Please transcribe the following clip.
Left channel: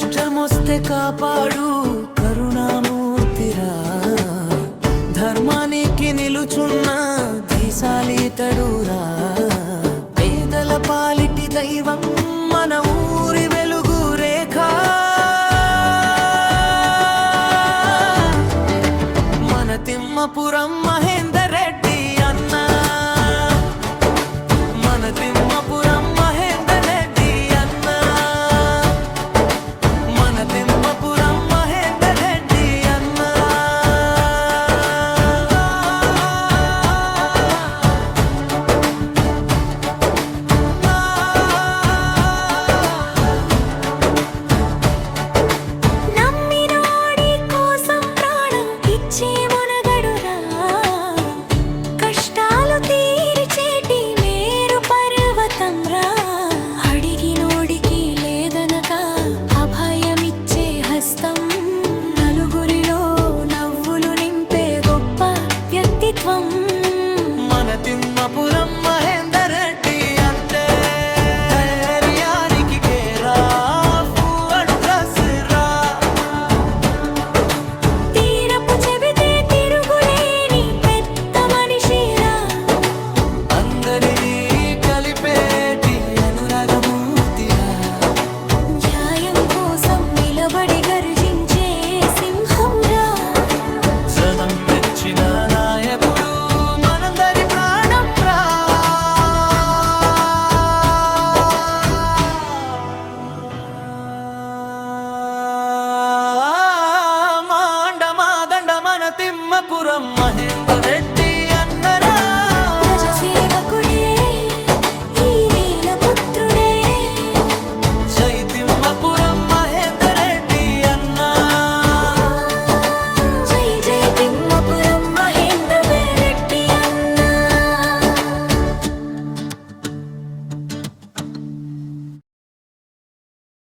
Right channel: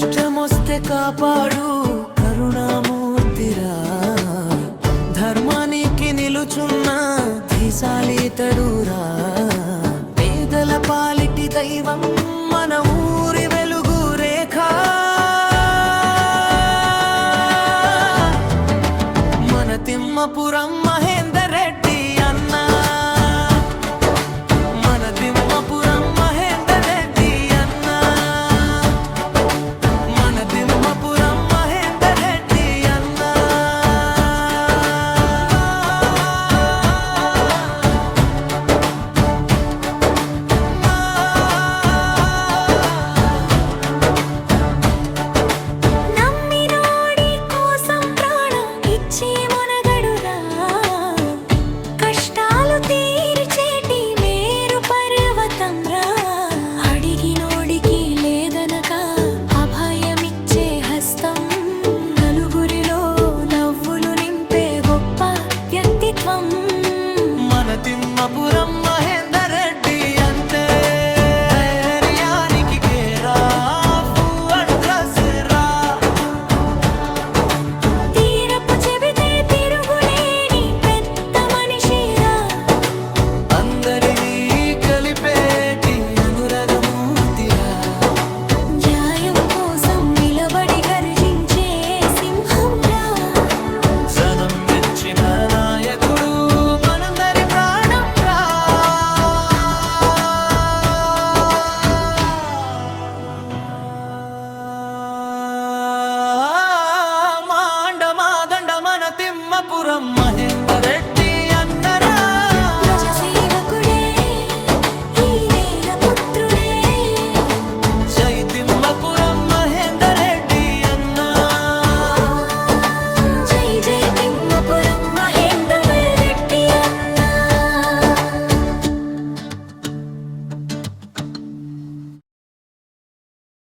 కష్టమొస్తే కాపాడు కరుణామూర్తిరా, ధర్మానికి నిలుచున్న ధీశాలితడురా, పేదల పాలిటి దైవం మన ఊరి వెలుగు రేఖ, మన తిమ్మపురం మహేందర్ రెడ్డి అన్న, మన తిమ్మపురం మహేందర్ రెడ్డి అన్న, మన తిమ్మపురం మహేందర్ రెడ్డి అన్న. నమ్మినోడి కోసం ప్రాణం ఇచ్చే మనగడురా, కష్టాలు తీర్చేటి మేరు పర్వతం రా, అడిగినోడికి లేదనక అభయమిచ్చే హస్తం, నలుగురిలో నవ్వులు నింపే గొప్ప వ్యక్తిత్వం. మన తిమ్మపురం మహేందర్ రెడ్డి అంటే ధైర్యానికి కేరాఫ్ అడ్రస్ రా, తీరపు చెబితే తిరుగులేని పెద్ద మనిషిరా, అందరినీ కలిపేటి అనురాగమూర్తిరా, న్యాయం కోసం నిలబడి గర్జించే సింహం రా, జనం మెచ్చిన నాయకుడు మనందరి ప్రాణం రా. మాండమాదండ మన తిమ్మపురం మహేందర్ రెడ్డి అన్నరా, ప్రజసేవకుడే ఈ నేల పుత్రుడే, జై తిమ్మపురం మహేందర్ రెడ్డి అన్నా. జై జై తిమ్మపురం.